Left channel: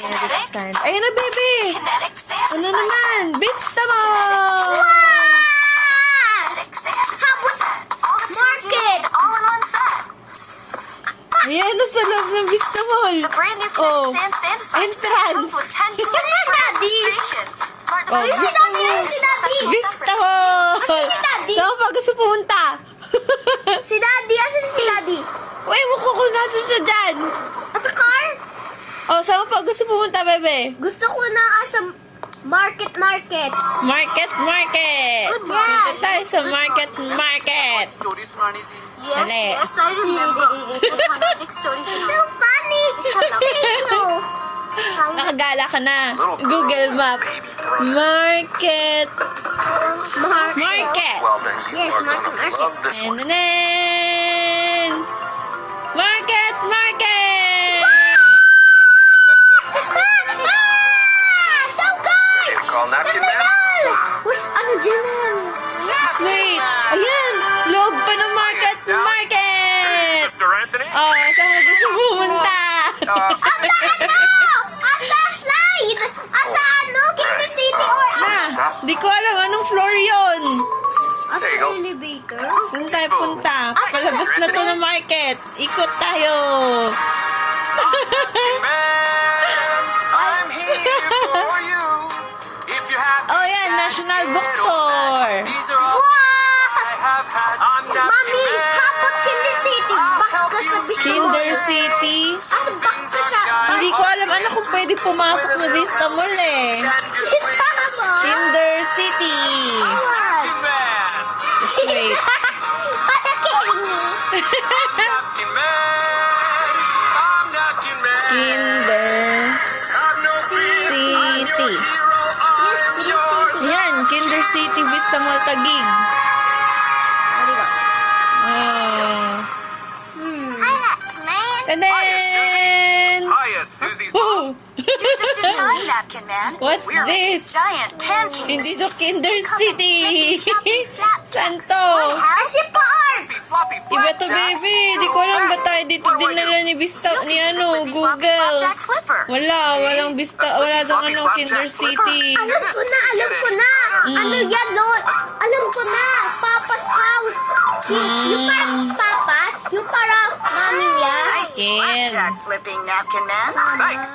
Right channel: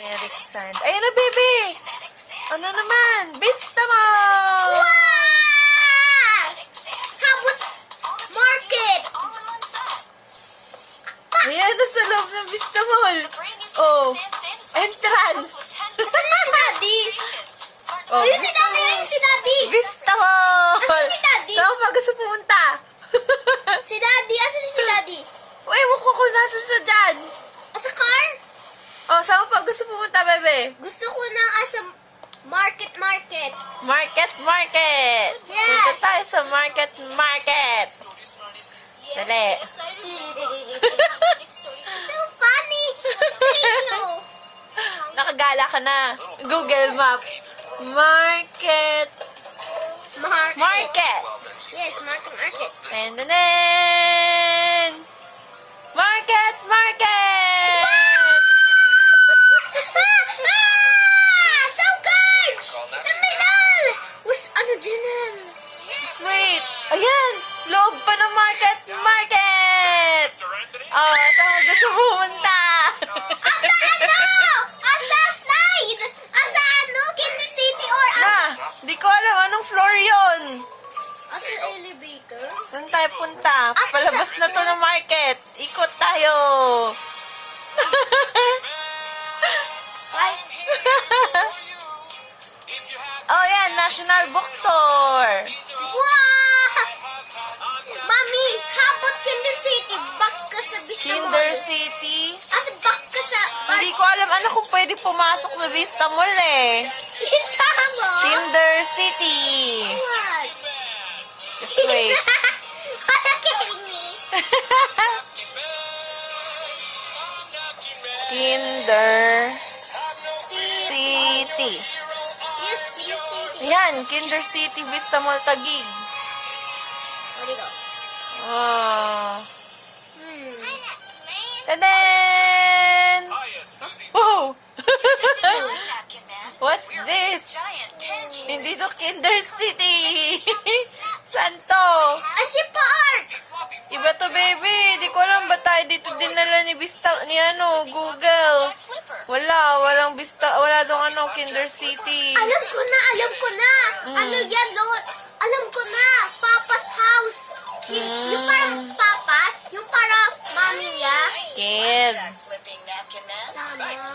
Kinetic sand. Ayan na, baby! Ano naman? Bista mo! Sabot market! Ayan na sa loob ng Vista Mall. Oh, entrance. Daddy! Oh, Ayun si Daddy! Ayun si Daddy! Vista Mall. Asan si Daddy? Saan pa gusto pumunta? Si Daddy! Asan si Daddy? Uy, mo ko kung nasan siya dyan. Asa car? Oh, saan pa gusto pumunta, bebe? Gusto ko ng asa market. Market. Yes. Punta tayo sa market. Yes, Dali. yes, I remember. So funny! Thank you! Nakagala ka na. Google Map. Market. Market. Yes, market. And then, market. So good! Terminal! Wish, ano dyan yan? Wait. Ayan. Loob pa ng market. Mr. Anthony? Oh, saan mo gusto pumunta? Asa ano? Asa slide? Asa ano? Kansas City or Na, di ko alam anong floor yon. Asa elevator? Saan tayo punta? Palabas na to ng market. Ikot tayo. I'm here for you. If you have Oh, yan. National Bookstore. these are all Wow! I have had. I'm not Mami, habot Kinder City. Back ka sa Vista Kinder Mall. City. Asa back ka sa... Hindi ko alam ano kung pwede pumasok na Vista Mall eh. Vista Mall? Kinder City. Wow. Wait. Patakiling mo. Napkin man. I'm napkin man. Kinder Have no fear. City. Yes, Kinder City. Yan, Kinder City Vista Mall Taguig. Oh. Hi, man. Tadan! Hiya, Susie's Whoa! Just in time, Napkin Man. What's We're this? making giant pancakes. Hindi to Kinder City. Santo. Asi Park. floppy Iba to, baby. Di ko alam ba tayo dito dinala ni Vista, ni ano, Google. Jack Flipper. Walang Vista, wala dong ano, Kinder City. Alam ko na. Ano yan, Lord? Alam ko na. Papa's house. Yung para Papa, yung para Mami, yeah? Yes. Jack Flipping Napkin Man. Thanks.